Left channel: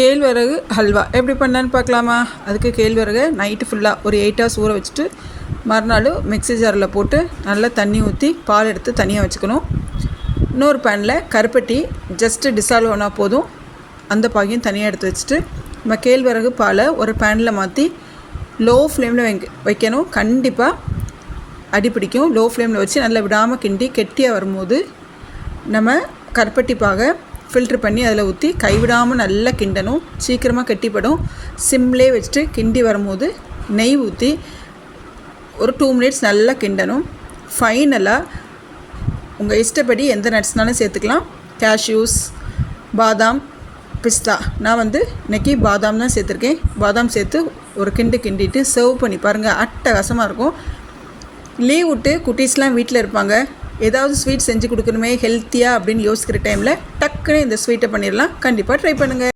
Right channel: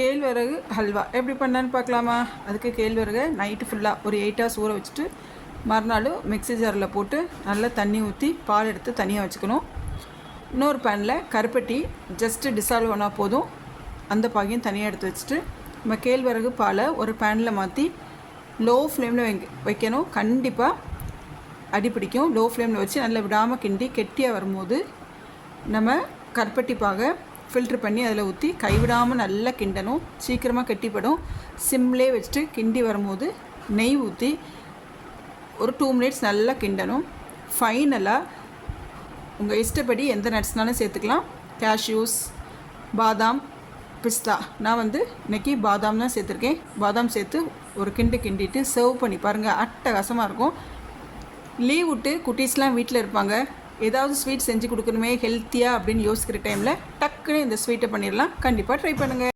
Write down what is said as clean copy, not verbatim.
கேழ்வரகு ஹல்வா எப்படி பண்ணலான்னு பார்க்கலாமா? அதுக்கு கேழ்வரகு நைட்டு ஃபுல்லாக ஒரு 8 ஹவர்ஸ் ஊற வச்சுட்டு மறுநாள் மிக்ஸி ஜாரில் போட்டு நல்லா தண்ணி ஊற்றி பால் எடுத்து தனியாக வச்சுக்கணும். இன்னொரு பேனில் கருப்பட்டி ஜஸ்ட்டு டிசால்வ் ஆனால் போதும், அந்த பாகையும் தனியாக எடுத்து வச்சுட்டு நம்ம கேழ்வரகு பாலை ஒரு பேனில் மாற்றி லோ ஃப்ளேமில் வைக்கணும். கண்டிப்பாக அடிப்பிடிக்கும். லோ ஃப்ளேமில் வச்சு நல்லா விடாமல் கிண்டி கெட்டியாக வரும்போது நம்ம கருப்பட்டி பாகை ஃபில்ட்ரு பண்ணி அதில் ஊற்றி கைவிடாமல் நல்லா கிண்டணும். சீக்கிரமாக கெட்டிப்படும். சிம்லேயே வச்சுட்டு கிண்டி வரும்போது நெய் ஊற்றி ஒரு 2 மினிட்ஸ் நல்லா கிண்டணும். ஃபைனலாக உங்கள் இஷ்டப்படி எந்த நட்ஸ்னாலும் சேர்த்துக்கலாம். கேஷ்யூஸ், பாதாம், பிஸ்தா. நான் இன்றைக்கி பாதாம் தான் சேர்த்துருக்கேன். பாதாம் சேர்த்து ஒரு கிண்டிட்டு சர்வ் பண்ணி பாருங்கள். அட்டகாசமாக இருக்கும். லீவ் விட்டு குட்டீஸ்லாம் வீட்டில் இருப்பாங்க, ஏதாவது ஸ்வீட் செஞ்சு கொடுக்கணுமே ஹெல்த்தியாக அப்படின்னு யோசிக்கிற டைமில் டக்குன்னு இந்த ஸ்வீட்டை பண்ணிடலாம். கண்டிப்பாக ட்ரை பண்ணுங்கள்.